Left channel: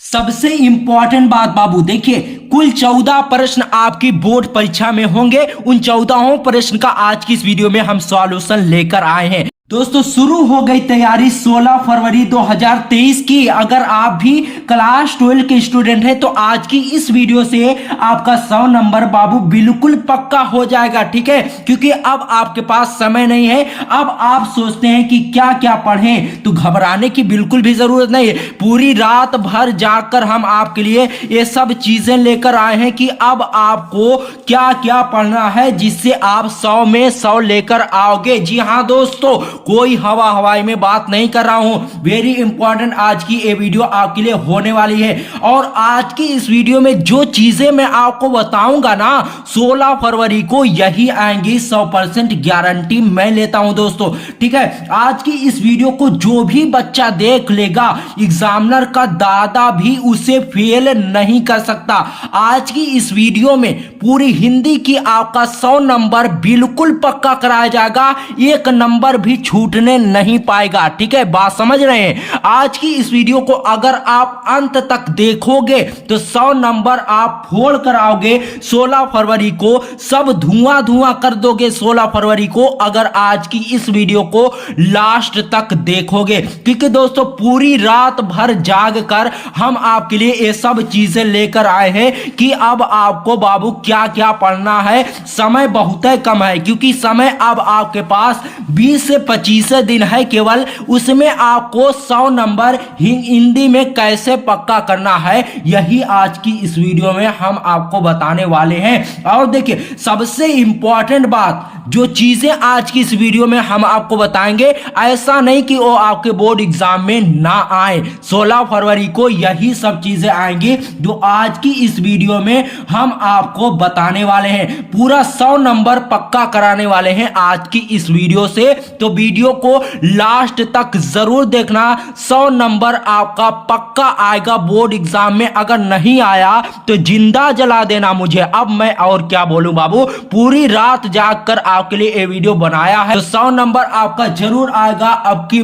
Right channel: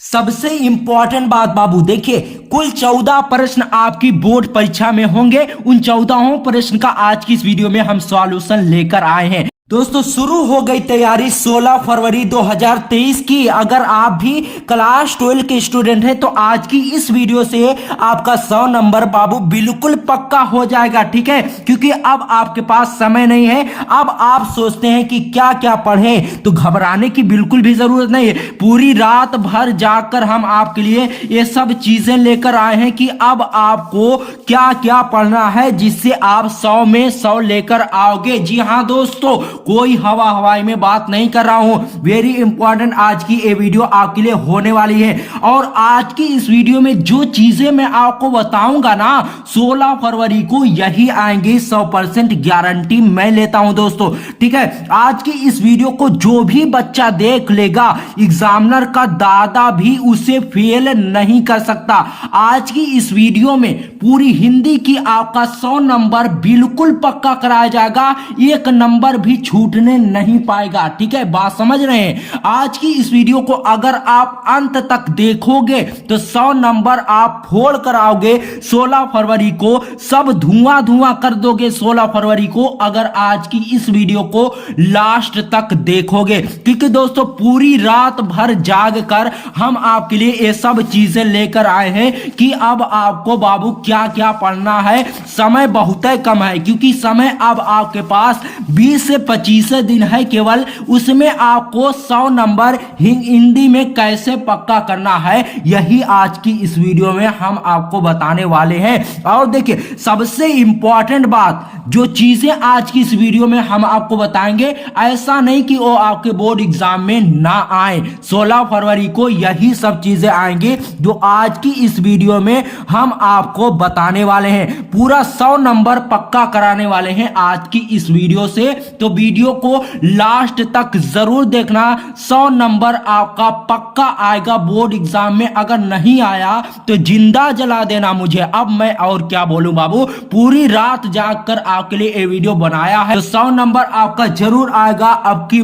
सबसे इंपॉर्टेंट बात बाबू देखिए, कुल 14 प्रश्न आपकी बोर्ड परीक्षा में होंगे। उन 14 प्रश्न का आज की इस वीडियो में हम सॉल्यूशन लेकर आए हैं। दोस्तों शुरू हो गई तैयारी 16 फरवरी 2023 की। अगर आप भी क्लास 12 के स्टूडेंट हैं तो आज की इस वीडियो से आपका 100 नंबर बाबू बिल्कुल पक्का हो जाएगा, ठीक है। क्योंकि अब आपके पास समय नहीं है। अब आप सोचते हैं कि क्या क्या पढ़ें, तो घबराने की बिल्कुल भी जरूरत नहीं है। पूरी रात भर जाकर हम आपके लिए ये सब चीजें लेकर आए हैं कि अब आपको क्या क्या पढ़ना है जिससे आप 100 में 100 लेकर आओगे। जी हाँ दोस्तों, कोई हवाई में बात नहीं कर रहा हूं। वेरी इंपॉर्टेंट आज की ये वीडियो आपके लिए होने वाली है। और आज की इस वीडियो में जो चीजें मैं आपको बताऊंगा ना, 16 फरवरी को यही आएंगी, 100% गारंटी मैं लेता हूं दोस्तों, ठीक है। आज की इस वीडियो को जो भी बच्चा देख लेगा, एग्जामिनर का दादा भी उसे फेल नहीं कर सकता। आज की इस वीडियो में पूरी हिंदी की आपका 100 नंबर बिल्कुल पक्का कराया जाएगा, एक नंबर भी छूटने नहीं पाएगा, ठीक है। बात समझ रहे हैं। आज की इस वीडियो को अगर आप अंत तक देखोगे तो 100 नंबर आप फोड़ कर आओगे 16 फरवरी को, सब धुआं धुआं कर दोगे 16 फरवरी को, अगर आज की इस वीडियो को लास्ट तक देखोगे। क्योंकि दोस्तों पूरी रात भर जाग कर हम आपके लिए ये सब चीजें लेकर आए हैं कि अब आपको बाबू क्या क्या पढ़ना है। समय बहुत कम है, क्योंकि समय अब आपके पास 20 से 25 दिन है केवल। उसमें आपको 100 नंबर हिंदी में कैसे पक्का करना है, यही आज की इस वीडियो में हम आपको बताने वाले हैं। और देखिए सबसे इंपॉर्टेंट बात, जो चीजें आज की इस वीडियो में हम आपको बताएंगे, ऐसा नहीं कि वो आपके बोर्ड एग्जाम में ना आए। 16 फरवरी को यही सब चीजें आएंगी जो आज की इस वीडियो में हम आपको बताने वाले हैं। पूरा 100 नंबर पक्का कराने वाले हैं आज की इस वीडियो से, तो वीडियो को लास्ट तक जरूर देखना। 100 नंबर आपका पक्का आएगा बोर्ड एग्जाम में। अगर नहीं आया तो जिंदा जला देना मुझे, अब मैं और क्या बोलूं बाबू। पूरी रात जागकर आपके लिए ये वीडियो बनाया है, तो 100 नंबर आपका जरूर आएगा अब की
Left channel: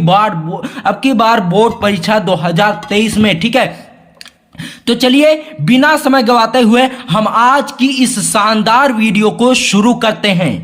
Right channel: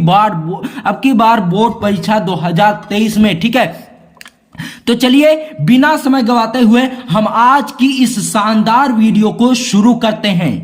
बार बोर्ड परीक्षा 2023 में, ठीक है। तो चलिए बिना समय गवाते हुए हम आज की इस शानदार वीडियो को शुरू करते हैं।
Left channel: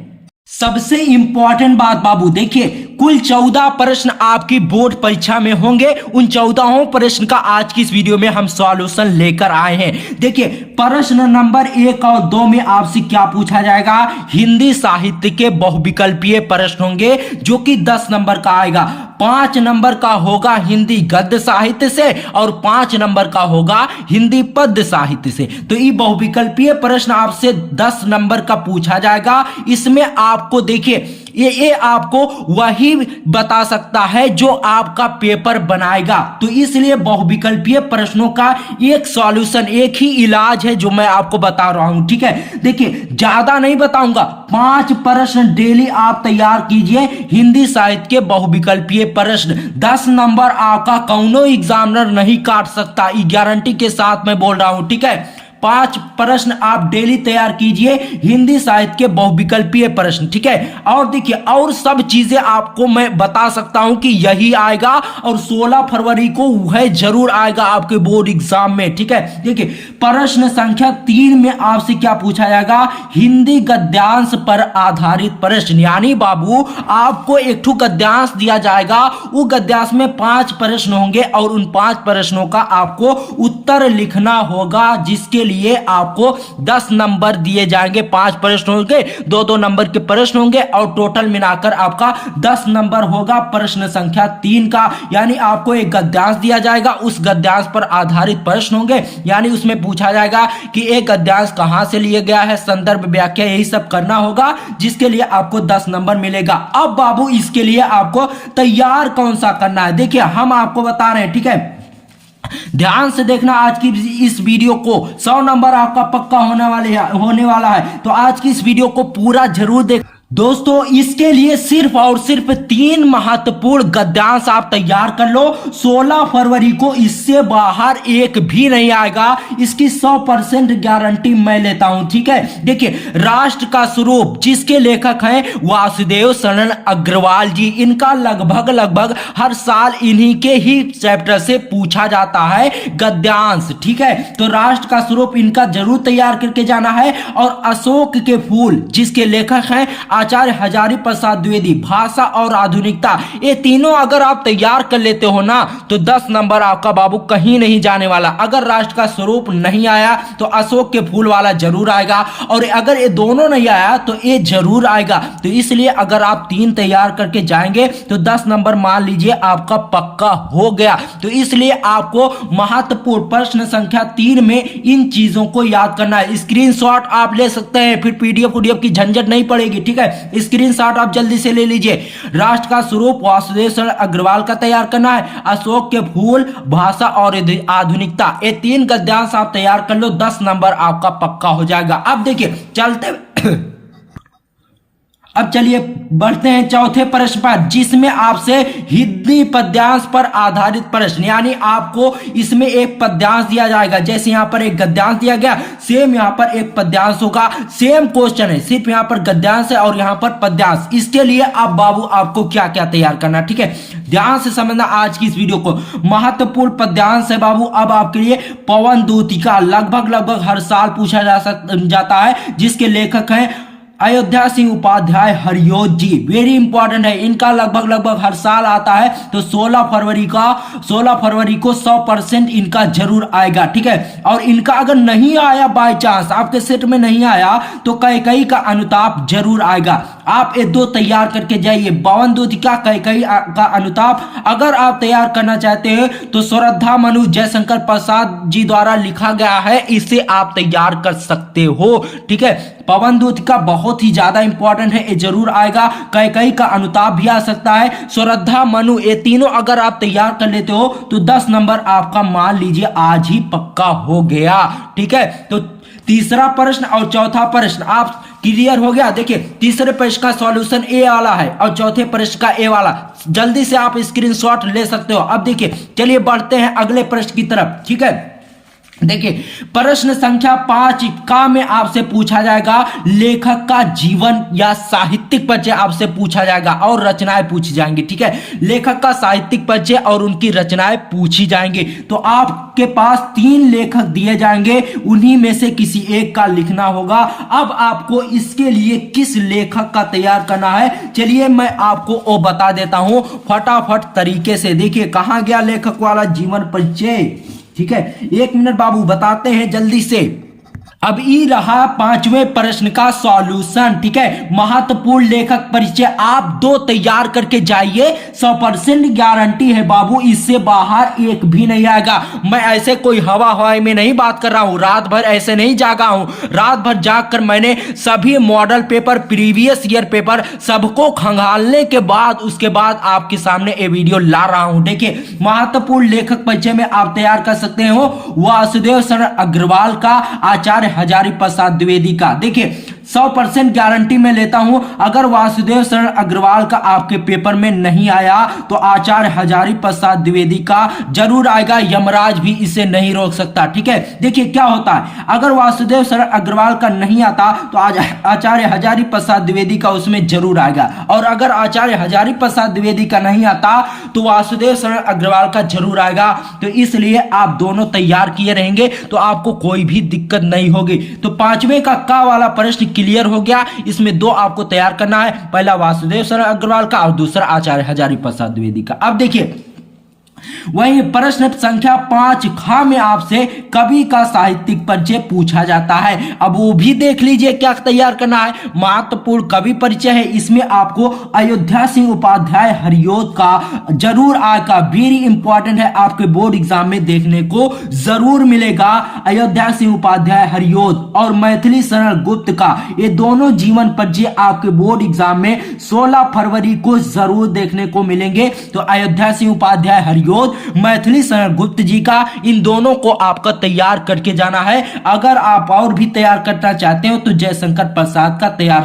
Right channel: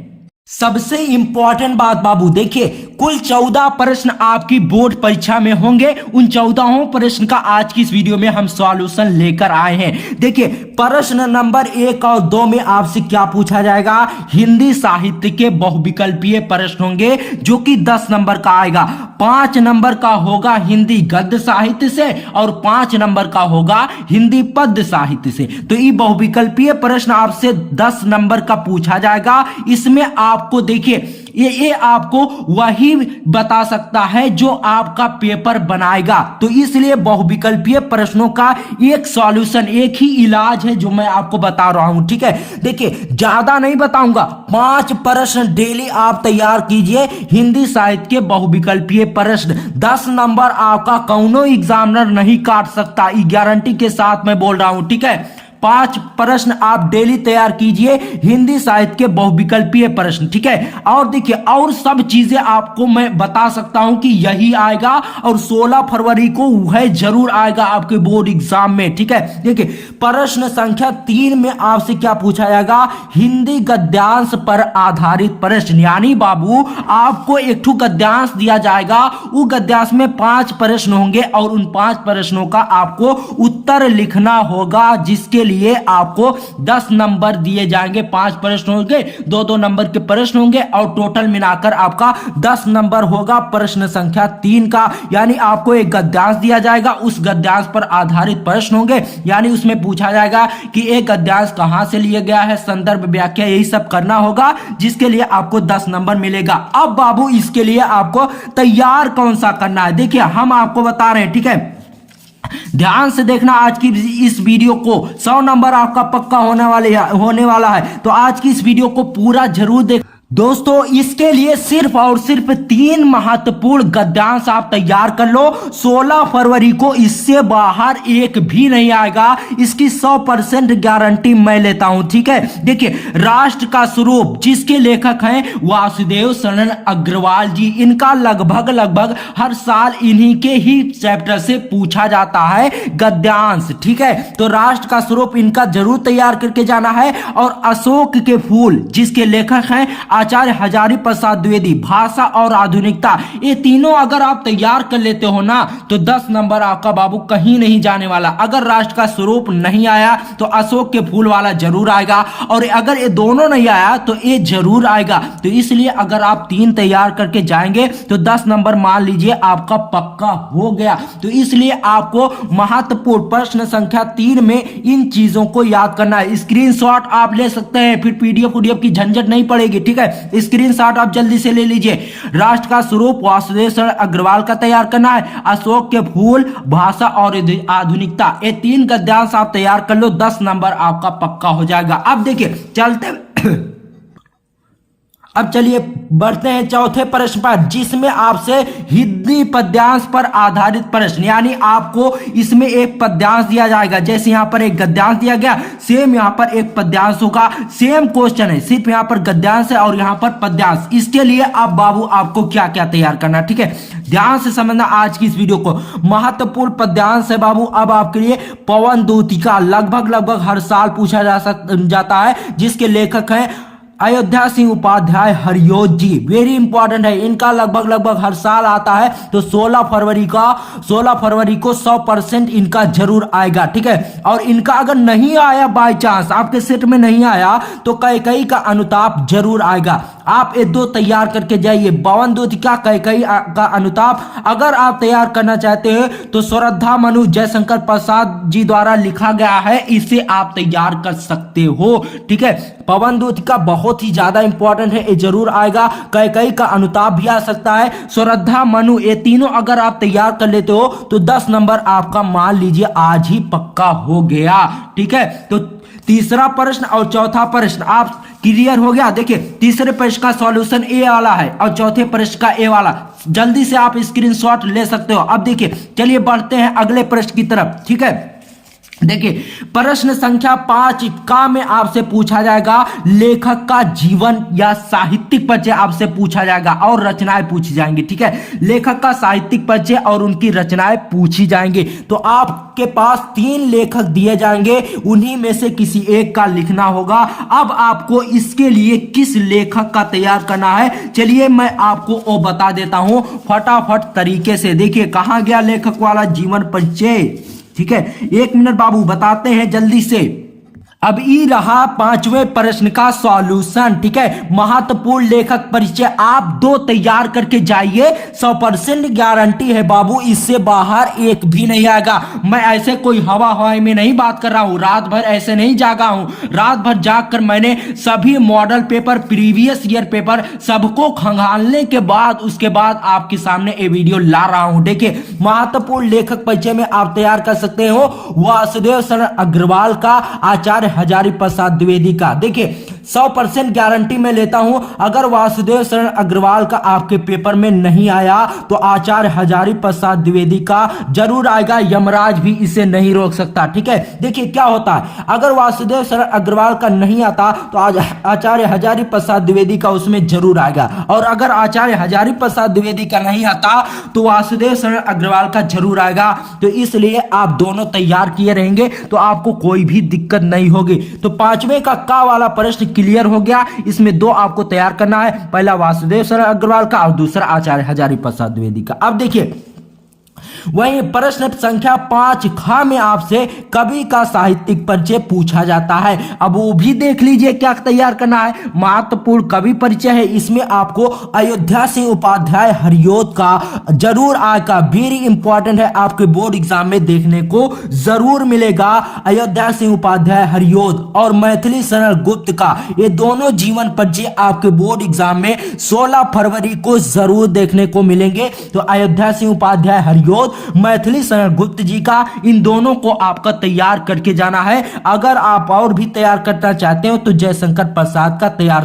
सबसे इंपॉर्टेंट बात बाबू देखिए, कुल 14 प्रश्न आपकी बोर्ड परीक्षा में होंगे। उन 14 प्रश्न का आज की इस वीडियो में हम सॉल्यूशन लेकर आए हैं। देखिए प्रश्न नंबर 1 और 2 में आपसे क्या पूछा जाएगा, हिंदी साहित्य के बहुविकल्पीय प्रश्न होंगे जो कि 10 नंबर का आएगा। 5 नंबर का होगा हिंदी गद्य साहित्य से और 5 नंबर का होगा हिंदी पद्य साहित्य से। तो ये बहुविकल्पीय प्रश्न आपसे 10 नंबर का पूछा जाएगा। इसमें आपको देखिए ये आपको वही बता सकता है जो आपका पेपर बनाएगा। तो इसलिए बहुविकल्पीय प्रश्नों का एक सॉल्यूशन, एक ही इलाज है जो मैं आपको बता रहा हूं, ठीक है। देखिए ज्यादा नहीं बताऊंगा, 5 प्रश्न डेली आप तैयार कीजिए हिंदी साहित्य के बहुविकल्पीय प्रश्न। 10 नंबर आपका कौनो एग्जामिनर नहीं काट सकता, ये गारंटी के साथ मैं बोल रहा हूं, ठीक है। 5 प्रश्न आप डेली तैयार कीजिए हिंदी साहित्य के बहुविकल्पीय प्रश्न, ठीक है। और देखिए और सब चीजें आपको मैं बता सकता हूं कि यही आएगा और 16 फरवरी को वह जरूर आएगा आपके बोर्ड एग्जाम में, ठीक है। देखिए प्रश्न संख्या 3 में आपसे क्या पूछा जाएगा, हिंदी गद्यांश पर आधारित प्रश्न। यानी बाबू आपको एक ठो गद्यांश दिया जाएगा, वो गद्यांश में 5 प्रश्न होंगे और उन 5 प्रश्नों का आपको उत्तर लिखना होगा, जिसके लिए आपको 10 नंबर दिए जाएंगे। 5 प्रश्न होंगे, 2-2 नंबर के प्रश्न होंगे और टोटल मिलाकर आपका 10 नंबर होगा प्रश्न संख्या 3 का। यानी आपको एक गद्यांश दिया जाएगा, उस गद्यांश पर आधारित प्रश्न होंगे। यानी उसमें पूछा जाएगा कि एक गद्यांश कहां से लिया गया है, संदर्भ व्याख्या, यही सब करना होगा, जिसके लिए आपको 10 नंबर मिलेगा। अब बाबू इसके लिए आपको तैयार कौन सा करना है, देखिए हम आपको बता रहे हैं, ठीक है। ध्यान से देखना आज की इस वीडियो को, 100 नंबर आपका पक्का होने वाला है। तो आज की इस वीडियो को पूरा जरूर दोस्तों इसके लिए सिर्फ और सिर्फ 3 महत्वपूर्ण गद्यांश आप तैयार कर लो। 16 फरवरी को इससे बाहर एक भी नहीं आएगा, इसकी 100% गारंटी मैं लेता हूं। ठीक है, देखिए राष्ट्र का स्वरूप जिसके लेखक हैं वासुदेव शरण अग्रवाल जी, इनका लगभग हर साल इन्हीं के ही चैप्टर से पूछा जाता है गद्यांश। ठीक है, तो राष्ट्र का स्वरूप इनका जरूर तैयार करके जाना है। और अशोक के फूल जिसके लेखक हैं आचार्य हजारी प्रसाद द्विवेदी, भाषा और आधुनिकता, ये तीनों अगर आप तैयार कर लेते हो ना तो 10 नंबर आपका बाबू कहीं नहीं जाने वाला। अगर राष्ट्र का स्वरूप नहीं आया तो अशोक के फूल वाला जरूर आएगा, और अगर ये दोनों नहीं आया तो ये जरूर आएगा। तो इसलिए अगर आप 3 तैयार करके जाएंगे तो 10 नंबर मान लीजिए आपका पक्का हो गया। तो इसलिए आपको महत्वपूर्ण प्रश्न संख्या 3 में इन चीजों को याद करना है। स्क्रीनशॉट आप ले सकते हैं, फिर पीडीएफ की झंझट नहीं पड़ेगी। ठीक है, स्क्रीनशॉट आप जल्दी से ले लीजिए। राष्ट्र का स्वरूप वासुदेव शरण अग्रवाल का तैयार करना है, अशोक के फूल, भाषा और आधुनिकता, ये 3 गद्यांश आप तैयार कर लो, 10 नंबर आपका पक्का हो जाएगा। अब देखिए चलते अब चलिए बढ़ते हैं चौथे प्रश्न पर, जिसमें आपसे हिंदी पद्यांश पर आधारित प्रश्न, यानी आपको इसमें एक पद्यांश दिया जाएगा। जैसे यहां पर एक गद्यांश दिया गया, सेम यहां पर एक पद्यांश होगा। सेम क्वेश्चन है, सिर्फ यहां पर गद्यांश है और यहां पर पद्यांश। इसके लिए अब बाबू आपको क्या क्या तैयार करना, ठीक है, ध्यान से समझना आज की इस वीडियो को। महत्वपूर्ण पद्यांश है बाबू अब आपके लिए पवन दूतिका, लगभग हर साल पूछा जाता है, जिसके लेखक हैं अयोध्या सिंह उपाध्याय हरियोत जी। वेरी इंपॉर्टेंट है, इनका लगभग हर साल आता है। तो 16 फरवरी को 100% इनका जरूर आएगा। ठीक है, और इनका अगर नहीं आया बाय चांस आपके सेट में नहीं आया तो कैकई का अनुताप जरूर आएगा। आप ये 2 तैयार करके जाइए, पवन दूतिका, कैकई का अनुताप। अगर आप तैयार करना चाहते हैं तो श्रद्धा मनु जयशंकर प्रसाद जी द्वारा लिखा गया है, इसे आप तैयार कर सकते हो। ठीक है, पवन दूतिका बहुत ही ज्यादा इंपॉर्टेंट है, ये जरूर आएगा। कैकई का अनुताप भी आ सकता है, श्रद्धा मनु, ये तीनों अगर आप तैयार कर लेते हो तो 10 नंबर आपका मान लीजिए आज ही पक्का हो गया। ठीक है, तो तीसरा प्रश्न और चौथा प्रश्न आप क्लियर हो गया। देखिए तीसरे प्रश्न का सॉल्यूशन ए वाला है और चौथे प्रश्न का ए वाला, जल्दी से आप स्क्रीनशॉट ले सकते हो। अब देखिए चलिए बढ़ते हैं अगले प्रश्न की तरफ। ठीक है, देखिए प्रश्न संख्या 5 का में आपसे पूछा जाएगा लेखक का जीवन या साहित्यिक परिचय आपसे पूछा जाएगा और रचनाएं पूछी जाएंगी। ठीक है, लेखक का साहित्यिक परिचय और उनकी रचनाएं पूछी जाएंगी। तो आपके पास 3 लेखक दिए जाएंगे, उन्हीं में से किसी एक का लिखना होगा। अब आपको इसके लिए किस लेखक का तैयार करना है, चलिए मैं आपको वो बता देता हूं फटाफट तरीके से। देखिए कहां गया लेखक वाला जीवन परिचय। ठीक है, 1 मिनट बाबू बताते हैं जल्दी से। अब ई रहा 5वें प्रश्न का सॉल्यूशन। ठीक है, महत्वपूर्ण लेखक परिचय आप 2 तैयार करके जाइए, 100% गारंटी है बाबू, इससे बाहर एक भी नहीं आएगा। मैं ऐसे कोई हवाई में नहीं बात कर रहा हूं, रात भर ऐसे नहीं जागा हूं। रात भर जाग कर मैंने सभी model paper, previous year paper सबको खंगालने के बाद उसके बाद आपके सामने ये वीडियो ला रहा हूं। देखिए महत्वपूर्ण लेखक परिचय में आप तैयार कर सकते हो वासुदेव शरण अग्रवाल का, आचार्य हजारी प्रसाद द्विवेदी का। देखिए 100% गारंटी में लेता हूं, अगर वासुदेव शरण अग्रवाल का आपके पेपर में नहीं आया तो आचार्य हजारी प्रसाद द्विवेदी का जरूर आएगा, यमराज भी इसे नहीं रोक सकता। ठीक है, देखिए क्या होता है, अगर वासुदेव शरण अग्रवाल का नहीं आता तो आचार्य हजारी प्रसाद द्विवेदी का उसमें जरूर आएगा, और अगर आचार्य हजारी प्रसाद द्विवेदी का नहीं आता तो वासुदेव शरण अग्रवाल का जरूर आएगा। तो इसलिए आप दोनों तैयार किए रहेंगे तो आपको कोई भी दिक्कत नहीं होगी। तो 5वें का वाला प्रश्न क्लियर हो गया। इसमें 2 आपको तैयार करना है, पहला वासुदेव शरण अग्रवाल का और दूसरा आचार्य हजारी प्रसाद द्विवेदी का। अब देखिए वही प्रश्न संख्या 5 खा में आपसे कवि का साहित्यिक परिचय पूछा जाता है। अब वो भी देख लीजिए क्या तैयार करना है। महत्वपूर्ण कवि परिचय है, इसमें आपको अयोध्या सिंह उपाध्याय हरियोत का जरूर आएगा। वेरी इंपॉर्टेंट है, आपके बोर्ड एग्जाम में देखने को जरूर मिलेगा। अयोध्या सिंह उपाध्याय हरियोत और मैथिली शरण गुप्त का, ये दोनों जीवन परिचय आपके बोर्ड एग्जाम में 16 फरवरी को जरूर देखने को मिलेंगे। तो अयोध्या सिंह उपाध्याय हरियोत, मैथिली शरण गुप्त जी का, इन दोनों को आपका तैयार करके जाना है। अगर आप और भी तैयार करना चाहते हो तो जयशंकर प्रसाद का तैयार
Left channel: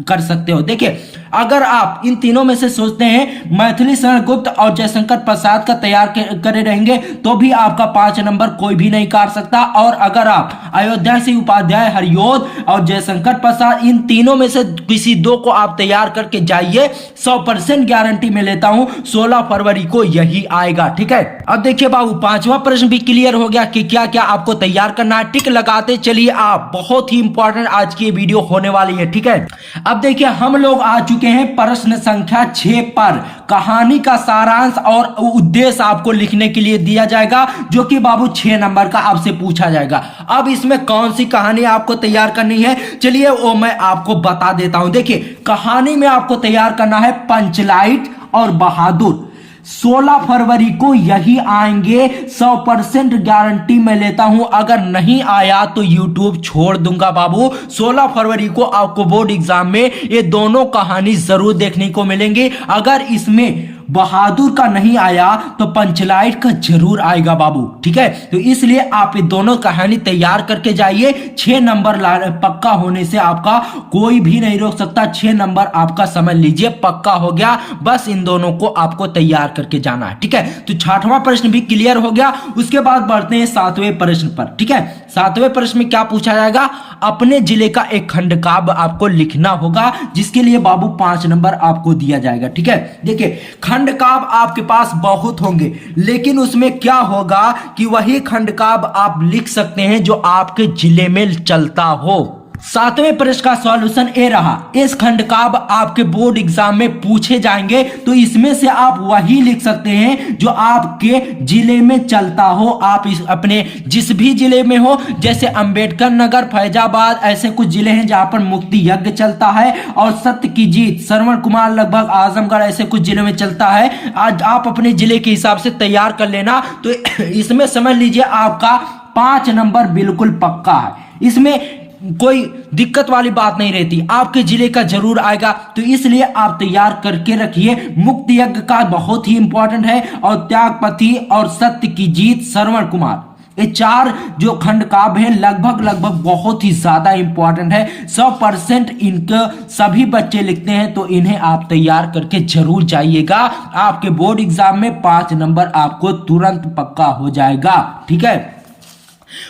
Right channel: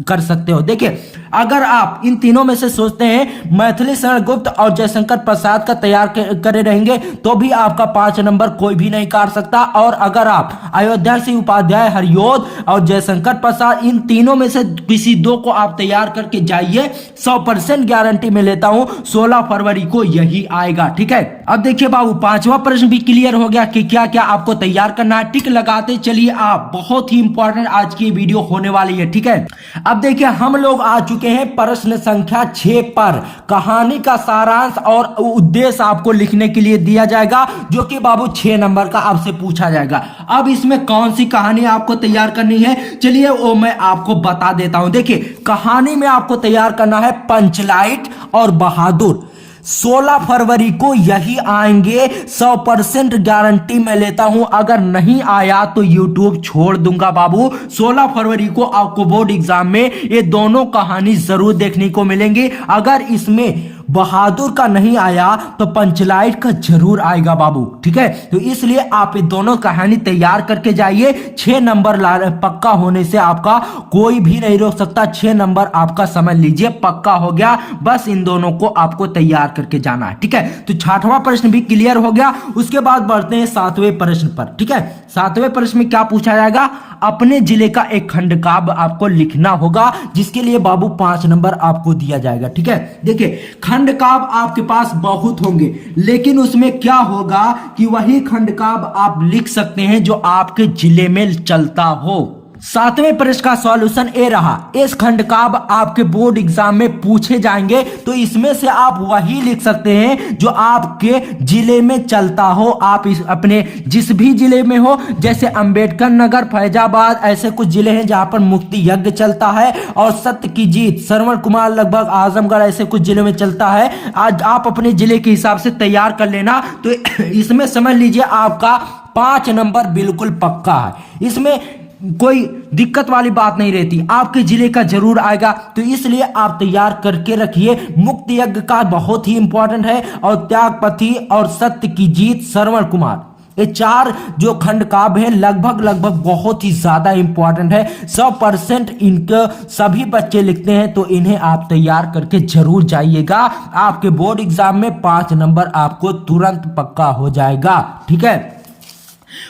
कर सकते हो। देखिए, अगर आप इन तीनों में से सोचते हैं मैथिली शरण गुप्त और जयशंकर प्रसाद का तैयार करे रहेंगे तो भी आपका 5 नंबर कोई भी नहीं काट सकता। और अगर आप अयोध्या सिंह उपाध्याय, हरियोध और जयशंकर प्रसाद इन तीनों में से किसी दो को आप तैयार करके जाइए, 100% गारंटी में लेता हूं 16 फरवरी को यही आएगा। ठीक है, अब देखिए बाबू, 5वां प्रश्न भी क्लियर हो गया कि क्या क्या आपको तैयार करना है। टिक लगाते चलिए आप, बहुत ही इंपॉर्टेंट आज की वीडियो होने वाली है। ठीक है, अब देखिए हम लोग आ चुके हैं प्रश्न संख्या 6 पर। कहानी का सारांश और उद्देश्य आपको लिखने के लिए दिया जाएगा, जो कि बाबू 6 नंबर का आपसे पूछा जाएगा। अब इसमें कौन सी कहानी आपको तैयार करनी है, चलिए वो मैं आपको बता देता हूं। देखिए, कहानी में आपको तैयार करना है पंचलाइट और बहादुर। 16 फरवरी को यही आएंगे, 100% गारंटी मैं लेता हूं। अगर नहीं आया तो YouTube छोड़ दूंगा बाबू। 16 फरवरी को आपको बोर्ड एग्जाम में ये दोनों कहानी जरूर देखने को मिलेंगी। अगर इसमें बहादुर का नहीं आया तो पंचलाइट का जरूर आएगा बाबू। ठीक है, तो इसलिए आप ये दोनों कहानी तैयार करके जाइए। 6 नंबर पक्का होने से आपका कोई भी नहीं रोक सकता। 6 नंबर आपका समझ लीजिए पक्का हो गया। बस इन दोनों को आपको तैयार करके जाना है। ठीक है, तो 6वां प्रश्न भी क्लियर हो गया। उसके बाद बढ़ते हैं 7वें प्रश्न पर। ठीक है, 7वें प्रश्न में क्या पूछा जाएगा, अपने जिले का एक खंडकाव्य आपको लिखना होगा, जिसके लिए बाबू 5 नंबर आपको दिया जाएगा। ठीक है, देखिए खंडकाव्य आपके पास बहुत होंगे, लेकिन उसमें क्या होगा कि वही खंडकाव्य आप लिख सकते हैं जो आपके जिले में चलता हो। 7वें प्रश्न का सॉल्यूशन ए रहा, इस खंडकाव्य आपके बोर्ड एग्जाम में पूछे जाएंगे, तो इसमें से आप वही लिख सकते हैं जो आपके जिले में चलता हो। आप अपने जिस भी जिले में हो, जैसे अंबेडकर नगर, फैजाबाद, ऐसे कुछ जिले हैं जहां पर मुक्ति यज्ञ चलता है, और सत्य की जीत, श्रवण कुमार, लगभग आजमगढ़, ऐसे कुछ जिलों में चलता है। आज आप अपने जिले के हिसाब से तैयार कर लेना। तो इसमें समझ लीजिए आपका 5 नंबर बिल्कुल पक्का है। इसमें कोई दिक्कत वाली बात नहीं रहती, आपके जिले का जरूर आएगा। तो इसलिए आप तैयार करके रखिए। मुक्ति यज्ञ का बहुत ही इंपॉर्टेंट है, और त्यागपति और सत्य की जीत, श्रवण कुमार, ये 4 जो खंड काव्य हैं लगभग बहुत ही ज्यादा इंपॉर्टेंट है। 100% इनके सभी बच्चे लिखते हैं, तो इन्हें आप तैयार करके जरूर जाइएगा। आपके बोर्ड एग्जाम में 5 नंबर आपको तुरंत पक्का हो जाएगा। ठीक है,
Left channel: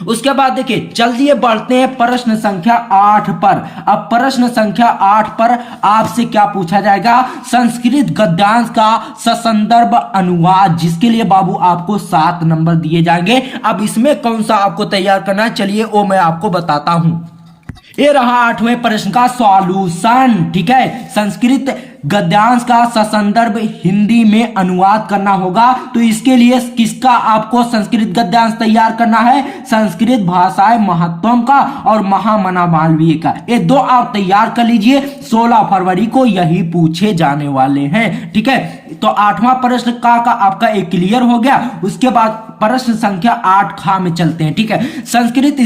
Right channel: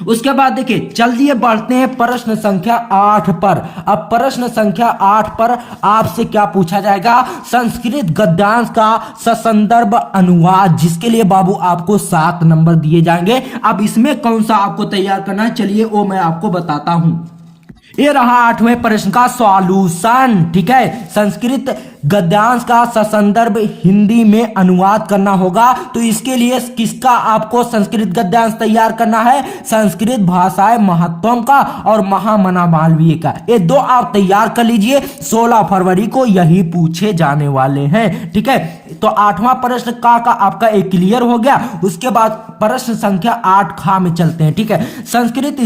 उसके बाद देखिए जल्दी बढ़ते हैं प्रश्न संख्या 8 पर। अब प्रश्न संख्या 8 पर आपसे क्या पूछा जाएगा, संस्कृत गद्यांश का ससंदर्भ अनुवाद, जिसके लिए बाबू आपको 7 नंबर दिए जाएंगे। अब इसमें कौन सा आपको तैयार करना है, चलिए वो मैं आपको बताता हूं। ये रहा 8वें प्रश्न का सॉल्यूशन। ठीक है, संस्कृत गद्यांश का ससंदर्भ हिंदी में अनुवाद करना होगा। तो इसके लिए किसका आपको संस्कृत गद्यांश तैयार करना है, संस्कृत भाषाएं महत्वम का और महामना मालवीय का। ये 2 आप तैयार कर लीजिए, 16 फरवरी को यही पूछे जाने वाले हैं। ठीक है, तो 8वां प्रश्न का आपका एक क्लियर हो गया। उसके बाद प्रश्न संख्या 8 खा में चलते हैं। ठीक है, संस्कृत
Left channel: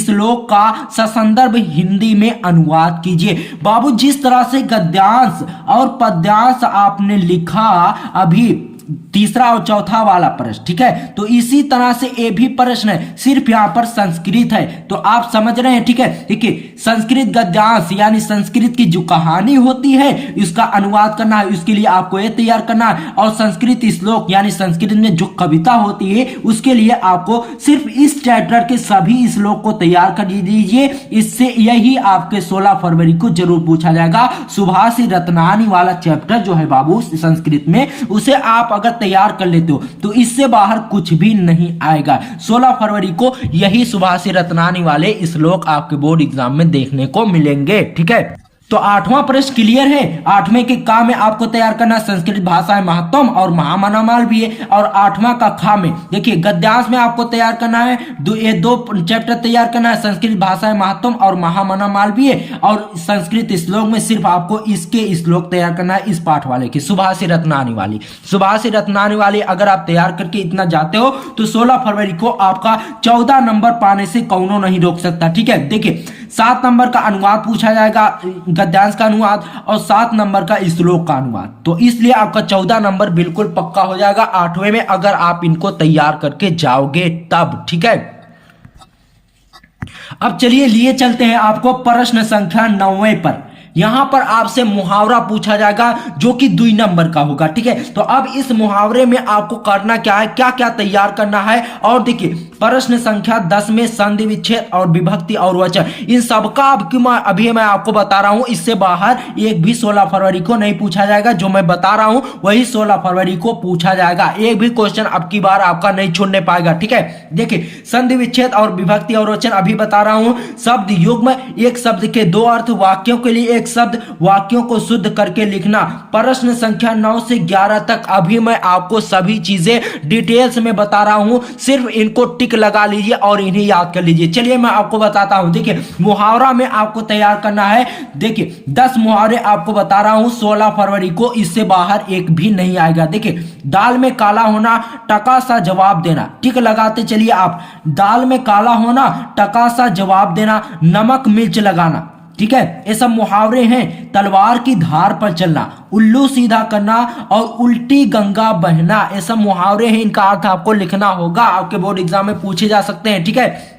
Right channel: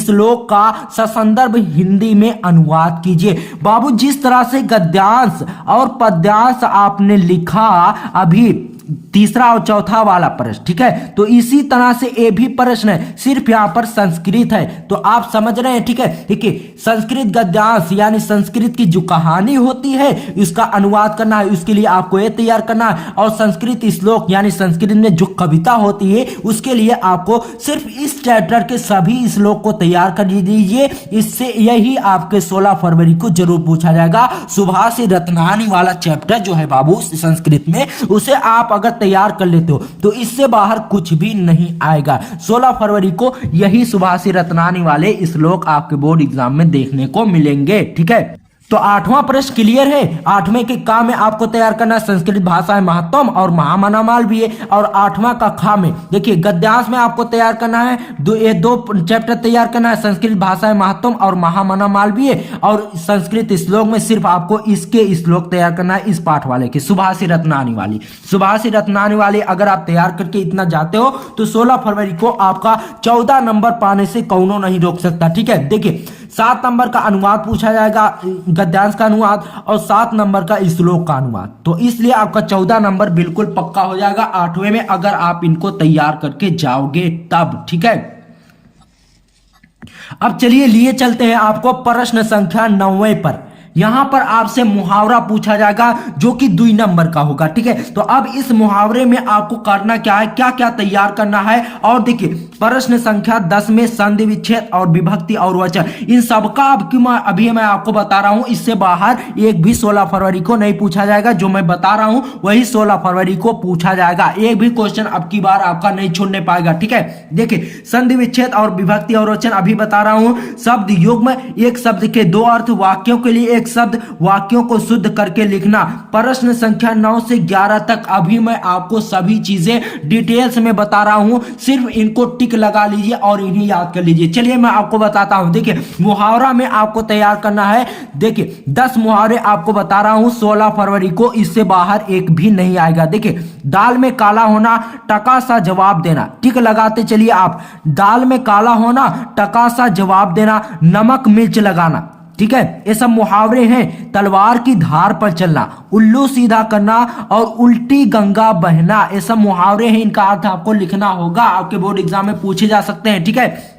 श्लोक का ससंदर्भ हिंदी में अनुवाद कीजिए। बाबू जिस तरह से गद्यांश और पद्यांश आपने लिखा, अभी तीसरा और चौथा वाला प्रश्न, ठीक है, तो इसी तरह से ये भी प्रश्न है, सिर्फ यहां पर संस्कृत है। तो आप समझ रहे हैं। ठीक है, देखिए संस्कृत गद्यांश यानी संस्कृत की जो कहानी होती है इसका अनुवाद करना है, उसके लिए आपको ये तैयार करना है। और संस्कृत श्लोक यानी संस्कृत में जो कविता होती है उसके लिए आपको सिर्फ इस चैप्टर के सभी श्लोक को तैयार कर दीजिए। इससे यही आपके 16 फरवरी को जरूर पूछा जाएगा। सुभाष रत्नानी वाला चैप्टर जो है बाबू संस्कृत में, उसे आप अगर तैयार कर लेते हो तो इससे बाहर कुछ भी नहीं आएगा। 16 फरवरी को यही सुभाष रत्नानी वाले श्लोक आपके बोर्ड एग्जाम में देखने को मिलेंगे। ठीक है, तो 8वां प्रश्न क्लियर है। 8वें के का में आपको तैयार करना संस्कृत भाषाएं महत्वम और महामना मालवीय। और 8वां का खा में देखिए गद्यांश में आपको तैयार करना है, ये 2 चैप्टर तैयार करना है, संस्कृत भाषाएं महत्वम और महामना मालवीय। और संस्कृत श्लोक में सिर्फ आपको इसके श्लोक तैयार करना है, इस पाठ वाले के, सुभाष रत्नानी वाली। सुभाष रत्नानी वाली अगर आप तैयार करके इतना जाते हो तो 16 फरवरी को आपका 14 नंबर पाने से कौनो नहीं रोक सकता। ठीक है, देखिए 7 नंबर का अनुवाद पूछा जाएगा, गद्यांश का अनुवाद, और 7 नंबर का श्लोक का अनुवाद। तो इसलिए आपका 14 नंबर बिल्कुल पक्का हो जाएगा 8वें में, अगर आप इनको तैयार करके जाओगे तब। ठीक है, अब चलिए लिए चलते हैं आपको प्रश्न संख्या 9 पर। यहाँ पर आपसे मुहावरा पूछा जाएगा जो कि 2 नंबर का होगा। ठीक है, तो अब इस मुहावरे में आपको करना क्या है, क्या क्या तैयार करना है। और देखिए प्रश्न संख्या 10 में संधि विच्छेद और विभक्ति और वचन इन सबका अभी मैं आपको बता रहा हूं। इससे बाहर एक भी 16 फरवरी को नहीं पूछा जाएगा। जो मैं बता रहा हूं वही 16 फरवरी को पूछा जाएगा। एक भी क्वेश्चन अब की बार आपका नहीं छोड़ने पाएगा। ठीक है, देखिए संधि विच्छेद और विभक्ति और वचन अभी बता रहा हूं। शब्द युग्म, एक शब्द के 2 अर्थ, वाक्यों के लिए एक शब्द, वाक्यों को शुद्ध करके लिखना। प्रश्न संख्या 9 से 11 तक अभी मैं आपको सभी चीजें डिटेल्स में बता रहा हूं। सिर्फ इनको टिक लगा लीजिए और इन्हें याद कर लीजिए। चलिए मैं आपको बताता हूं। देखिए मुहावरा में आपको तैयार करना है। देखिए 10 मुहावरे आपको बता रहा हूं 16 फरवरी को, इससे बाहर एक भी नहीं आएगा। देखिए दाल में काला होना, टका सा जवाब देना। टिक लगाते चलिए आप। दाल में काला होना, टका सा जवाब देना, नमक मिर्च लगाना। ठीक है, ये सब मुहावरे हैं। तलवार की धार पर चलना, उल्लू सीधा करना और उल्टी गंगा बहना, ये सब मुहावरे हैं। इनका अर्थ आपको लिखना होगा, आपके बोर्ड एग्जाम में पूछे जा सकते हैं। ठीक है,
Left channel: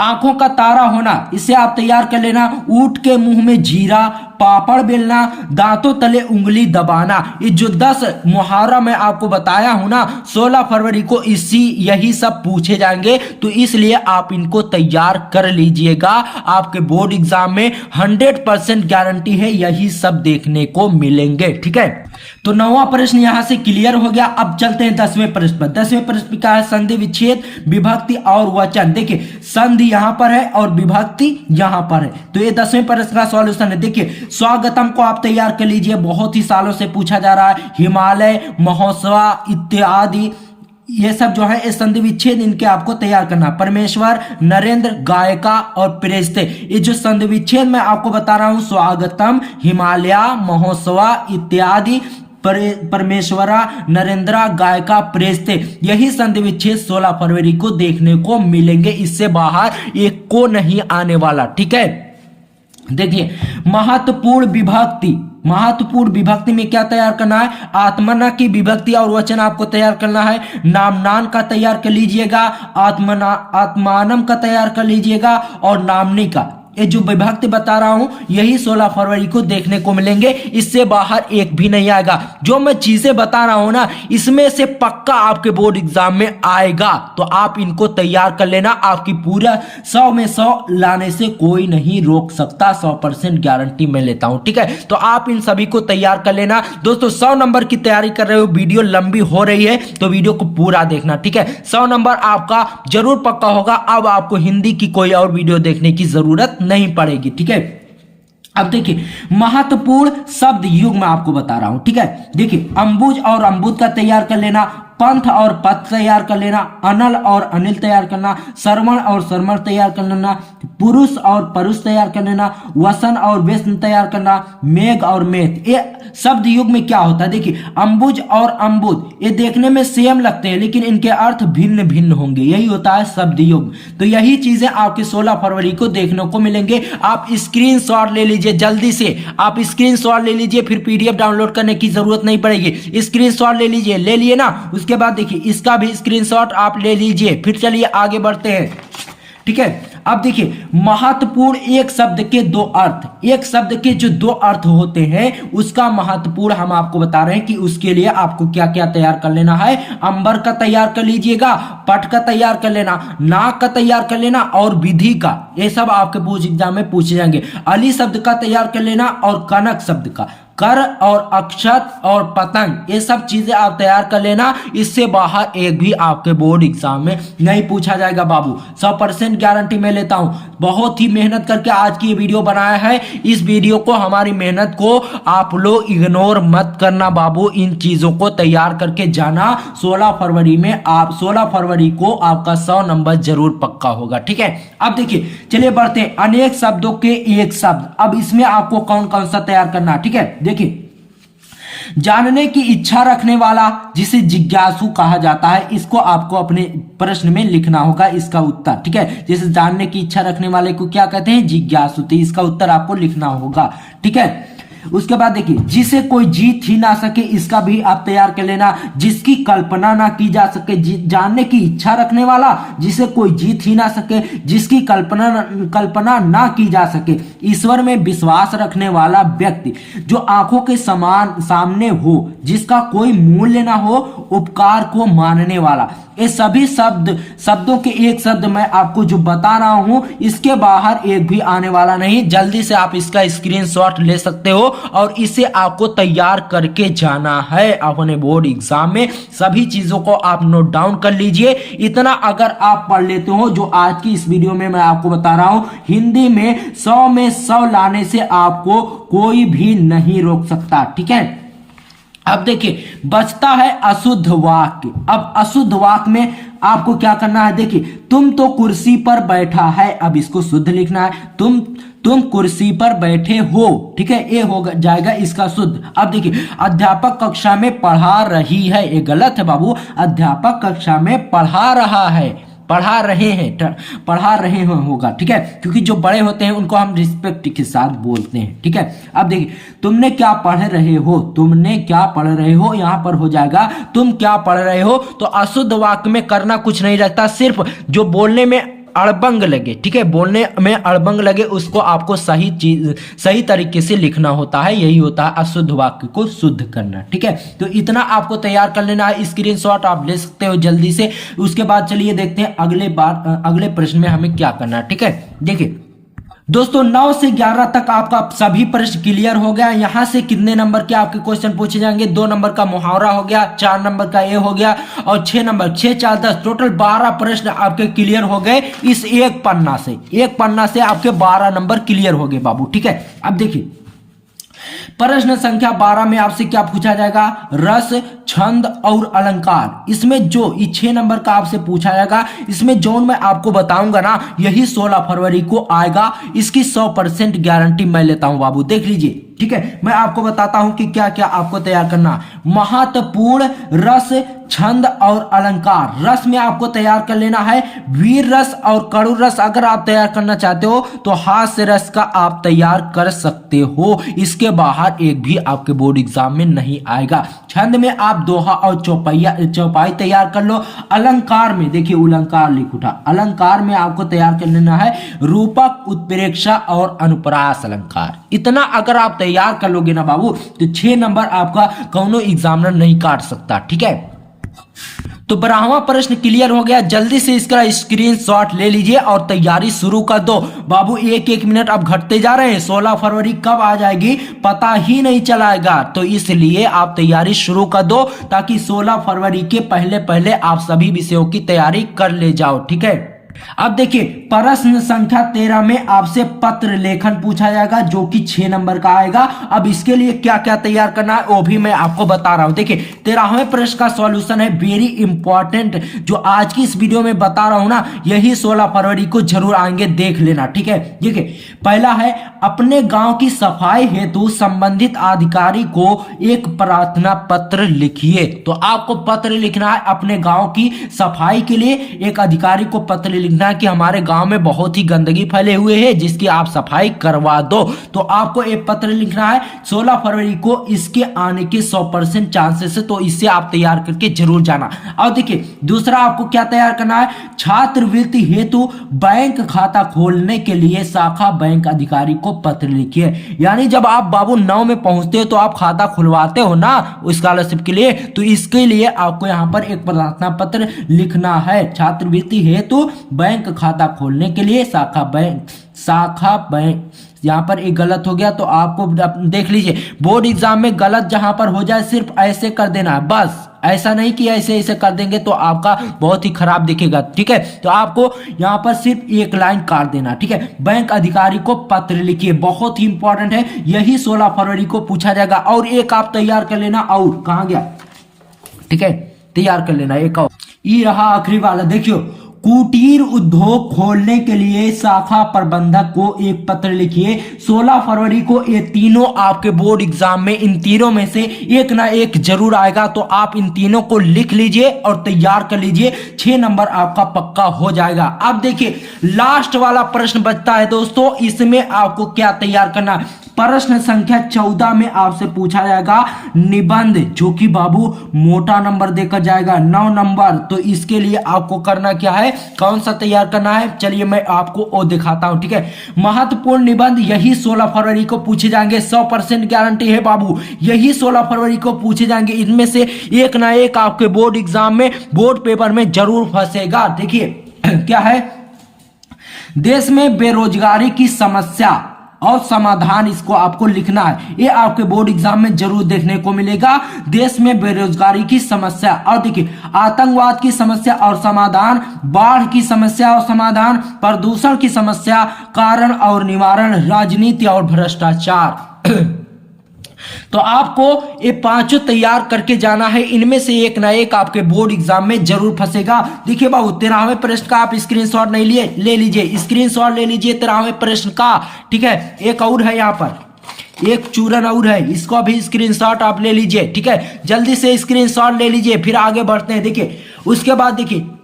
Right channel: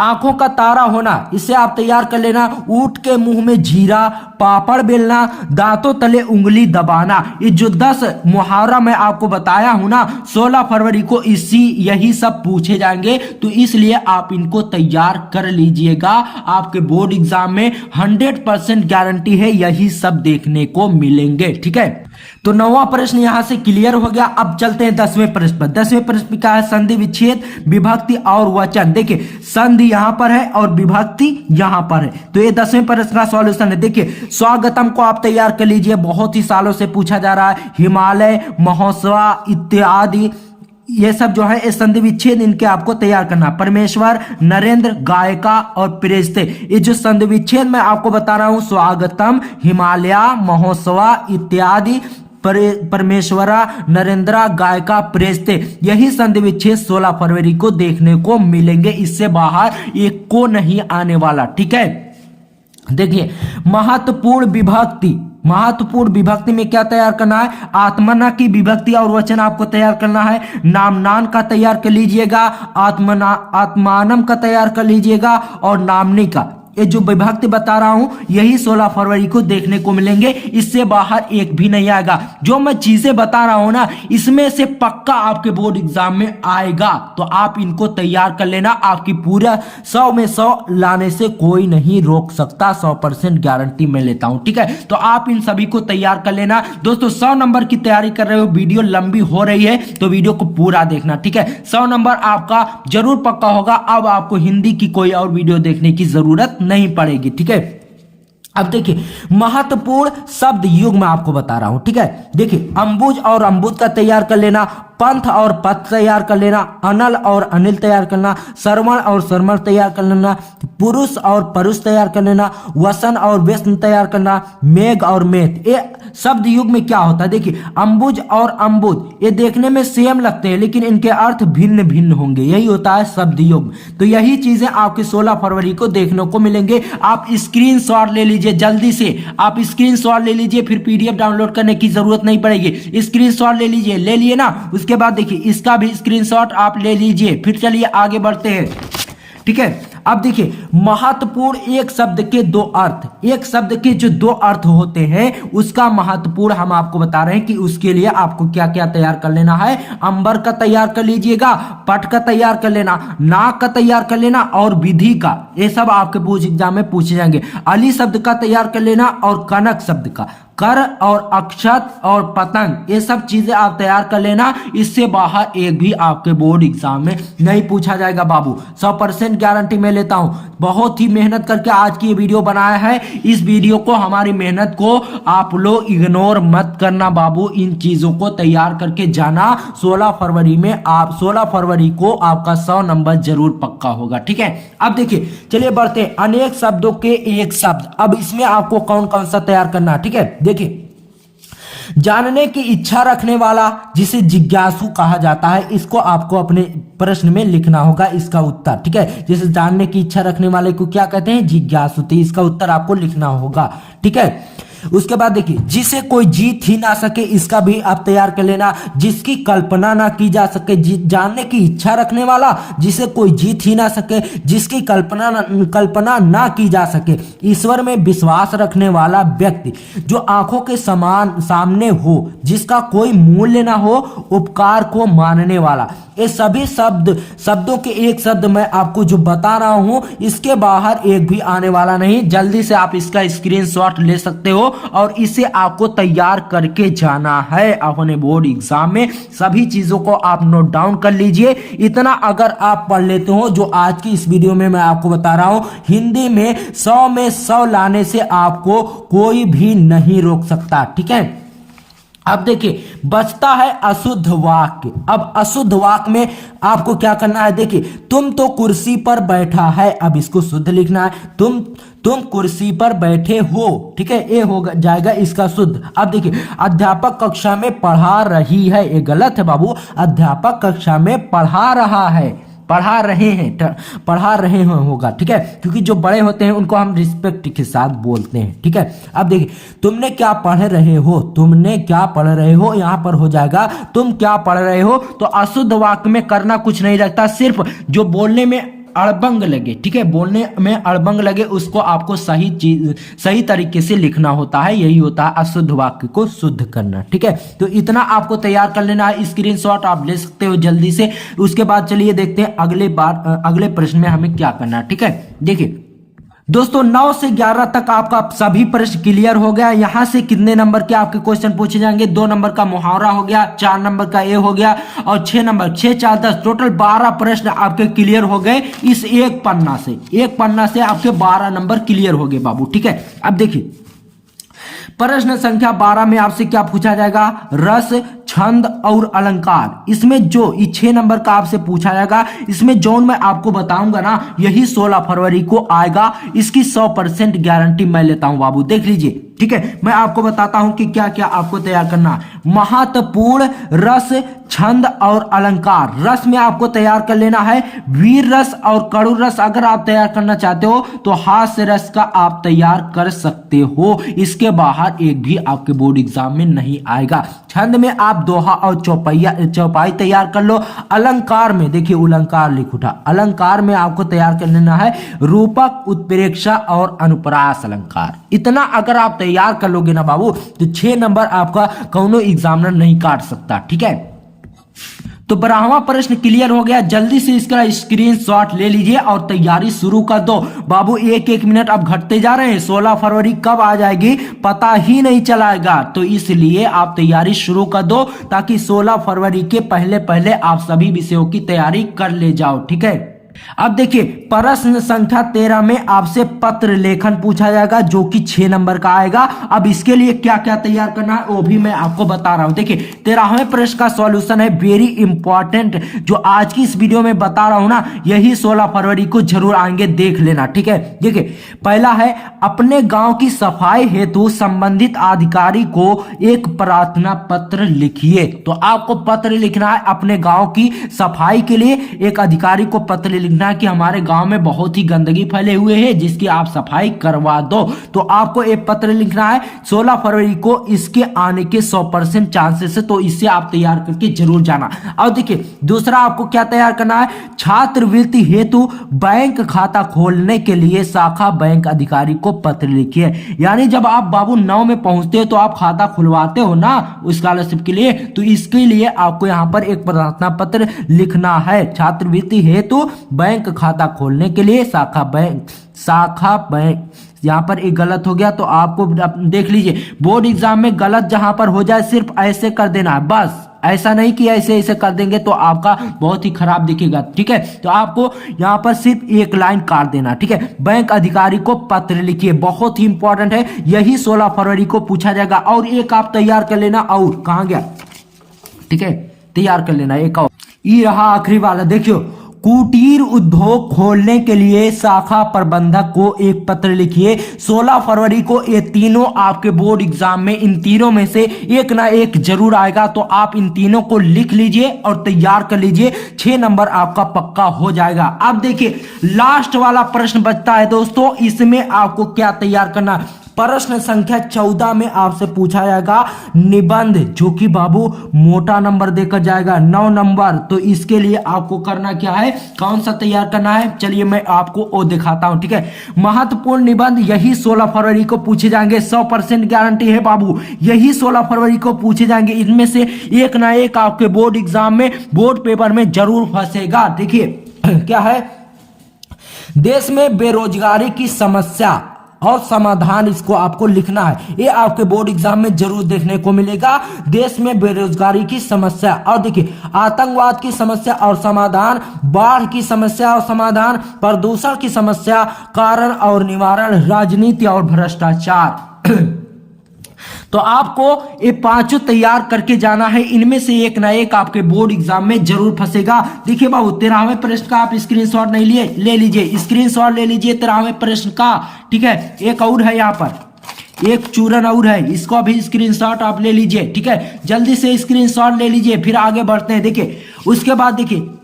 आंखों का तारा होना, इसे आप तैयार कर लेना। ऊंट के मुंह में जीरा, पापड़ बेलना, दांतों तले उंगली दबाना। ये जो 10 मुहावरा मैं आपको बताया हूं ना, 16 फरवरी को यही सब पूछे जाएंगे। तो इसलिए आप इनको तैयार कर लीजिएगा। आपके बोर्ड एग्जाम में 100% गारंटी है यही सब देखने को मिलेंगे। ठीक है, तो 9वां प्रश्न यहां से क्लियर हो गया। अब चलते हैं 10वें प्रश्न पर। 10वें प्रश्न क्या है, संधि विच्छेद, विभक्ति और वचन। देखिए संधि यहां पर है और विभक्ति यहां पर है। तो ये 10वें प्रश्न का सॉल्यूशन है। देखिए स्वागतम को आप तैयार कर लीजिए, बहुत ही सालों से पूछा जा रहा है। हिमालय, महोत्सव इत्यादि ये सब जो है इस संधि विच्छेद इनके आपको तैयार करना। परमेश्वर, नरेंद्र, गायिका और प्रेस्ते, ये जो संधि विच्छेद मैं आपको बता रहा हूं, स्वागतम, हिमालय, महोत्सव इत्यादि, परमेश्वरा, नरेंद्रा, गायिका, प्रेस्ते, यही संधि विच्छेद 16 फरवरी को देखने को मिलेंगे। इससे बाहर एक को नहीं आने वाला। ठीक है, देखिए महत्वपूर्ण विभक्ति, महत्वपूर्ण विभक्ति में क्या तैयार करना है, आत्मना की विभक्ति और वचन आपको तैयार करना है। नामनान का तैयार कर लीजिएगा, आत्मानम का तैयार कर लीजिएगा और नामनी का। ये जो विभक्ति बता रहा हूं यही 16 फरवरी को देखने को मिलेंगे। इससे बाहर एक भी नहीं आएगा। जो मैं चीजें बता रहा हूं ना, इसमें से पक्का आपके बोर्ड एग्जाम में आएगा। तो आप इनको तैयार कर लेना। आपकी पूरा 100 में 100 लाने से कोई नहीं रोक सकता, 100% गारंटी मैं लेता हूं। ठीक है, तो आप इन सभी को तैयार कर लेना। दोस्तों 100 नंबर की तैयारी कर रहे हो, वीडियो लंबी हो रही है तो वीडियो को पूरा देखना। ठीक है, 100 नंबर आपका जरूर पक्का होगा। अब आपको हिंदी की कोई और वीडियो देखने की जरूरत नहीं पड़ेगी। ठीक है, अब देखिए महत्वपूर्ण शब्द युग मैं आपको बता रहा हूं। ठीक है, देखिए अंबुज और अम्बुज का तैयार कर लेना, पंथ और पथ तैयार कर लेना, अनल और अनिल तैयार करना, श्रवण और शर्मण तैयार कर लेना, पुरुष और परुष तैयार कर लेना, वसन और व्यसन तैयार करना, मेघ और मेघ। ये शब्द युग में क्या होता है, देखिए अंबुज और अम्बुज ये देखने में सेम लगते हैं लेकिन इनके अर्थ भिन्न भिन्न होंगे, यही होता है शब्द युग। तो यही चीजें आपके 16 फरवरी को देखने को मिलेंगे। आप स्क्रीनशॉट ले लीजिए, जल्दी से आप स्क्रीनशॉट ले लीजिए, फिर पीडीएफ डाउनलोड करने की जरूरत नहीं पड़ेगी। स्क्रीनशॉट ले लीजिए, ले लिए ना, उसके बाद देखिए इसका भी स्क्रीनशॉट आप ले लीजिए। फिर चलिए आगे बढ़ते हैं। ठीक है, अब देखिए महत्वपूर्ण एक शब्द के 2 अर्थ, एक शब्द के जो 2 अर्थ होते हैं उसका महत्वपूर्ण हम आपको बता रहे हैं कि उसके लिए आपको क्या क्या तैयार कर लेना है। अंबर का तैयार कर लीजिएगा, पट का तैयार कर लेना, नाक का तैयार कर लेना और विधि का, ये सब आपके पूछ एग्जाम में पूछे जाएंगे। अली शब्द का तैयार कर लेना और कनक शब्द का, कर और अक्षत और पतंग, ये सब चीजें आप तैयार कर लेना। इससे बाहर एक भी आपके बोर्ड एग्जाम में नहीं पूछा जाएगा बाबू, 100% गारंटी मैं लेता हूं। बहुत ही मेहनत करके आज की ये वीडियो बनाया है। इस वीडियो को, हमारी मेहनत को आप लोग इग्नोर मत करना बाबू। इन चीजों को तैयार करके जाना। 16 फरवरी में आप 16 फरवरी को आपका 100 नंबर जरूर पक्का होगा। ठीक है, अब देखिए चलिए बढ़ते हैं। अनेक शब्दों के एक शब्द, अब इसमें आपको कौन कौन सा तैयार करना है। ठीक है, देखिए जानने की इच्छा रखने वाला जिसे जिज्ञासु कहा जाता है, इसको आपको अपने प्रश्न में लिखना होगा इसका उत्तर। ठीक है, जैसे जानने की इच्छा रखने वाले को क्या कहते हैं, जिज्ञासु, तो इसका उत्तर आपको लिखना होगा। ठीक है, उसके बाद देखिए, जिसे कोई जीत ही ना सके, इसका भी आप तैयार कर लेना। जिसकी कल्पना ना की जा सके, जानने की इच्छा रखने वाला, जिसे कोई जीत ही ना सके, जिसकी कल्पना ना की जा सके, ईश्वर में विश्वास रखने वाला व्यक्ति, जो आंखों के समान सामने हो, जिसका कोई मूल्य ना हो, उपकार को मानने वाला। ये सभी शब्दों के एक शब्द मैं आपको जो बता रहा हूं, इसके बाहर एक भी आने वाला नहीं। जल्दी से आप इसका स्क्रीनशॉट ले सकते हो और इसे आपको तैयार करके जाना है अपने बोर्ड एग्जाम में। सभी चीजों को आप नोट डाउन कर लीजिए। इतना अगर आप पढ़ लेते हो जो आज की इस वीडियो में मैं आपको बता रहा हूं, हिंदी में 100 में 100 लाने से आपको कोई भी नहीं रोक सकता। ठीक है, अब देखिए बचता है अशुद्ध वाक्य। अब अशुद्ध वाक्य में आपको क्या करना है, देखिए, तुम तो कुर्सी पर बैठा है, अब इसको शुद्ध लिखना है। तुम कुर्सी पर बैठे हो, ठीक है, ये हो जाएगा इसका शुद्ध। अब देखिए, अध्यापक कक्षा में पढ़ा रही है, ये गलत है बाबू। अध्यापक कक्षा में पढ़ा रहा है, पढ़ा रहे हैं होगा। ठीक है, क्योंकि जो बड़े होते हैं उनको हम रिस्पेक्ट के साथ बोलते हैं। ठीक है, अब देखिए, तुमने क्या पढ़ रहे हो, तुमने क्या पढ़ रहे हो, यहां पर हो जाएगा तुम क्या पढ़ रहे हो। तो अशुद्ध वाक्य में करना कुछ नहीं रहता, सिर्फ जो बोलने में अड़बंग लगे, ठीक है, बोलने में अड़बंग लगे, उसको आपको सही तरीके से लिखना होता है। यही होता है अशुद्ध वाक्य को शुद्ध करना। ठीक है, तो इतना आपको तैयार कर लेना है। स्क्रीनशॉट आप ले सकते हो जल्दी से। उसके बाद चलिए देखते हैं अगले प्रश्न में हमें क्या करना है। ठीक है, देखिए दोस्तों, 9 से 11 तक आपका सभी प्रश्न क्लियर हो गया। यहां से कितने नंबर के आपके क्वेश्चन पूछे जाएंगे? 2 नंबर का मुहावरा हो गया, 4 नंबर का ए हो गया और 6 नंबर 6 4 10 टोटल 12 प्रश्न आपके क्लियर हो गए इस एक पन्ना से आपके 12 नंबर क्लियर हो गए बाबू। ठीक है, अब देखिए प्रश्न संख्या 12 में आपसे क्या पूछा जाएगा? रस, छंद और अलंकार। इसमें जो 6 नंबर का आपसे पूछा जाएगा, इसमें जो मैं आपको बताऊंगा ना, यही 16 फरवरी को आएगा। इसकी 100% गारंटी मैं लेता हूं बाबू, देख लीजिए। ठीक है, मैं आपको बताता हूं कि क्या क्या आपको तैयार करना। महत्वपूर्ण रस, छंद और अलंकार। रस में आपको तैयार कर लेना है वीर रस और कड़ू रस। अगर आप तैयार करना चाहते हो तो हास्य रस का आप तैयार कर सकते हो। इसके बाहर एक भी आपके बोर्ड एग्जाम में नहीं आएगा। छंद में आप दोहा और चौपाई तैयार कर लो। अलंकार में देखिए, अलंकार लिख उठा, अलंकार में आपको तैयार कर लेना है रूपक, उत्प्रेक्षा और अनुप्रास अलंकार। इतना अगर आप तैयार कर लोगे ना बाबू, तो 6 नंबर आपका कौनो एग्जामिनर नहीं काट सकता। ठीक है, तो 12वां प्रश्न क्लियर हो गया। जल्दी से इसका स्क्रीनशॉट ले लीजिए और तैयारी शुरू कर दो बाबू। एक मिनट अब घटते जा रहे हैं, 16 फरवरी कब आ जाएगी पता ही नहीं चलाएगा। तो इसलिए आप तैयारी शुरू कर दो ताकि 16 फरवरी के पहले आप सभी विषयों की तैयारी कर ले जाओ। ठीक है, अब देखिए प्रश्न संख्या 13 में आपसे पत्र लेखन पूछा जाएगा, जो कि 6 नंबर का आएगा। अब इसके लिए क्या क्या तैयार करना है वो भी मैं आपको बता रहा हूं। देखिए 13वें प्रश्न का सॉल्यूशन है वेरी इंपॉर्टेंट, जो आज की इस वीडियो में बता रहा हूं ना, यही 16 फरवरी को जरूर आएंगे, देख लेना। ठीक है, देखिए पहला है अपने गांव की सफाई हेतु संबंधित अधिकारी को एक प्रार्थना पत्र लिखिए। तो आपको पत्र लिखना है अपने गांव की सफाई के लिए, एक अधिकारी को पत्र लिखना है कि हमारे गांव में बहुत ही गंदगी फैले हुए है, जिसकी आप सफाई करवा दो। तो आपको एक पत्र लिखना है 16 फरवरी को, इसके आने के 100% चांसेस है, तो इससे आप तैयार करके जरूर जाना। और देखिए दूसरा आपको क्या तैयार करना है, छात्रवृत्ति हेतु बैंक खाता खोलने के लिए शाखा बैंक अधिकारी को पत्र लिखिए। यानी जब आप बाबू 9 में पहुंचते हो तो आप खाता खुलवाते हो ना स्कॉलरशिप के लिए, तो इसके लिए आपको यहां पर एक प्रार्थना पत्र लिखना है। छात्रवृत्ति हेतु बैंक खाता खोलने के लिए शाखा बैंक यहां पर एक गलत हो गया, तो आपको देख लीजिए बोर्ड एग्जाम में गलत जहां पर हो जाए सिर्फ ऐसे कर देना है, बस ऐसा नहीं कि ऐसे कर देंगे तो आपका बहुत ही खराब दिखेगा। ठीक है, तो आपको यहां पर सिर्फ एक लाइन काट देना। ठीक है, बैंक अधिकारी को पत्र लिखिए, बहुत ही इंपॉर्टेंट है, यही 16 फरवरी को पूछा जाएगा। और एक आप तैयार कर लेना, और कहां गया, ठीक है तैयार कर लेना एक और, ये रहा आखिरी वाला। देखियो कुटीर उद्योग खोलने के लिए शाखा प्रबंधक को एक पत्र लिखिए। 16 फरवरी को ये तीनों आपके बोर्ड एग्जाम में, इन तीनों में से एक ना एक जरूर आएगा, तो आप इन तीनों को लिख लीजिए और तैयार कर लीजिए, 6 नंबर आपका पक्का हो जाएगा। अब देखिए लास्ट वाला प्रश्न बचता है दोस्तों, इसमें आपको क्या तैयार करना, प्रश्न संख्या 14 में आपसे पूछा जाएगा निबंध, जो कि बाबू मोटा नंबर देकर जाएगा 9 नंबर। तो इसके लिए आपको करना क्या है, कौन सा तैयार करना है, चलिए मैं आपको वो दिखाता हूं, ठीक है। महत्वपूर्ण निबंध यही 16 फरवरी को पूछे जाएंगे, 100% गारंटी है बाबू, यही 16 फरवरी को पूछे जाएंगे। इनमें से एक ना एक आपके बोर्ड एग्जाम में, बोर्ड पेपर में जरूर फंसेगा। देखिए क्या है, देश में बेरोजगारी की समस्या और समाधान, इसको आपको लिखना है, ये आपके बोर्ड एग्जाम में जरूर देखने को मिलेगा। देश में बेरोजगारी की समस्या, और देखिए आतंकवाद की समस्या और समाधान, बाढ़ की समस्या और समाधान, प्रदूषण की समस्या, कारण और निवारण, राजनीति और भ्रष्टाचार। तो आपको ये पांचों तैयार करके जाना है, इनमें से एक ना एक आपके बोर्ड एग्जाम में जरूर फंसेगा। देखिए बाबू 13वें प्रश्न का आप स्क्रीनशॉट नहीं लिए, ले लीजिए, स्क्रीनशॉट ले लीजिए 13वें प्रश्न का, ठीक है। एक और है यहाँ पर, एक चूरन और है, इसको भी स्क्रीनशॉट आप ले लीजिए, ठीक है। जल्दी से स्क्रीनशॉट ले लीजिए, फिर आगे बढ़ते हैं। देखिए उसके बाद देखिए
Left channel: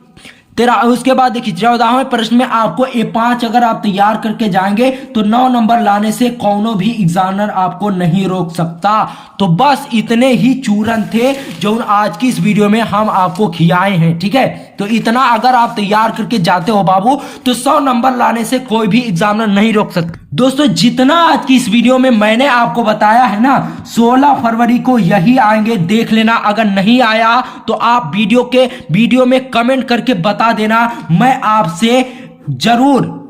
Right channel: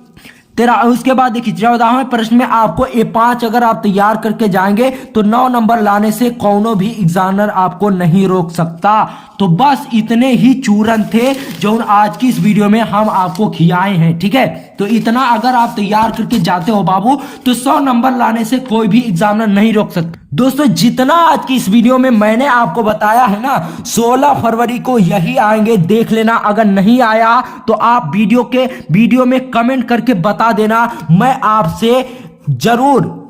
उसके बाद देखिए 14वें प्रश्न में आपको ये 5 अगर आप तैयार करके जाएंगे तो 9 नंबर लाने से कौनो भी एग्जामिनर आपको नहीं रोक सकता। तो बस इतने ही चूरन थे जो आज की इस वीडियो में हम आपको खिलाए हैं, ठीक है। तो इतना अगर आप तैयार करके जाते हो बाबू तो 100 नंबर लाने से कोई भी एग्जामिनर नहीं रोक सकता। दोस्तों जितना आज की इस वीडियो में मैंने आपको बताया है ना, 16 फरवरी को यही आएंगे, देख लेना। अगर नहीं आया तो आप वीडियो में कमेंट करके बता देना, मैं आपसे जरूर।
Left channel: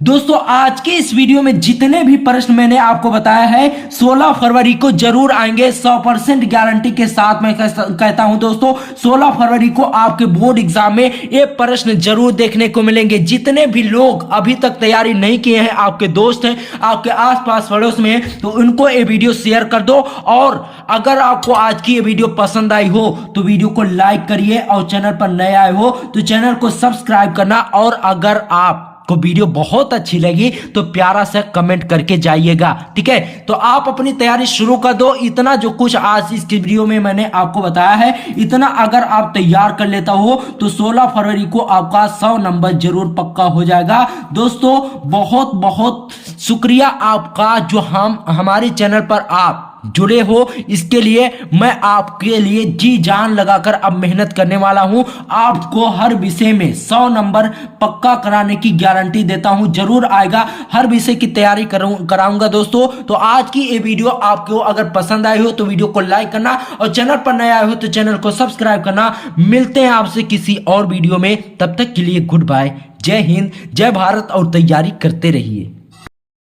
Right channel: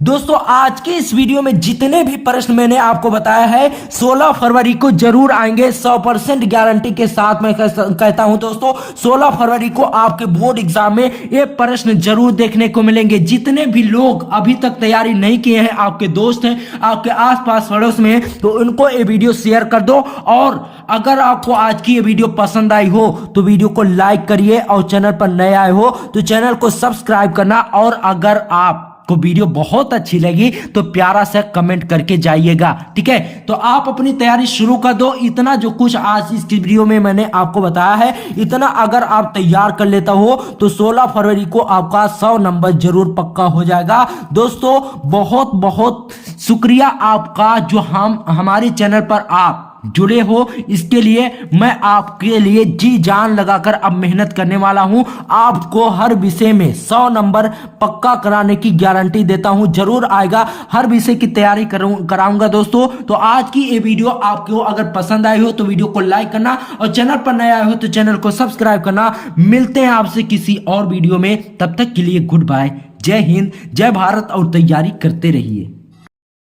दोस्तों आज के इस वीडियो में जितने भी प्रश्न मैंने आपको बताया है 16 फरवरी को जरूर आएंगे, 100% गारंटी के साथ मैं कहता हूं दोस्तों, 16 फरवरी को आपके बोर्ड एग्जाम में ये प्रश्न जरूर देखने को मिलेंगे। जितने भी लोग अभी तक तैयारी नहीं किए हैं, आपके दोस्त हैं, आपके आसपास पड़ोस में, तो उनको ये वीडियो शेयर कर दो। और अगर आपको आज की ये वीडियो पसंद आई हो तो वीडियो को लाइक करिए, और चैनल पर नए आए हो तो चैनल को सब्सक्राइब करना। और अगर आप को वीडियो बहुत अच्छी लगी तो प्यारा सा कमेंट करके जाइएगा, ठीक है। तो आप अपनी तैयारी शुरू कर दो। इतना जो कुछ आज इस वीडियो में मैंने आपको बताया है, इतना अगर आप तैयार कर लेता हो तो 16 फरवरी को आपका 100 नंबर जरूर पक्का हो जाएगा। दोस्तों बहुत बहुत शुक्रिया आपका जो हमारे चैनल पर आप जुड़े हो, इसके लिए मैं आपके लिए जी जान लगाकर अब मेहनत करने वाला हूं। आपको हर विषय में 100 नंबर पक्का कराने की गारंटी देता हूं, जरूर आएगा। हर विषय की तैयारी कराऊंगा दोस्तों। तो आज की ये वीडियो आपको अगर पसंद आई हो तो वीडियो को लाइक करना, और चैनल पर नए आए हो तो चैनल को सब्सक्राइब करना। मिलते हैं आपसे किसी और वीडियो में, तब तक के लिए गुड बाय, जय हिंद, जय भारत, और तैयारी करते रहिए।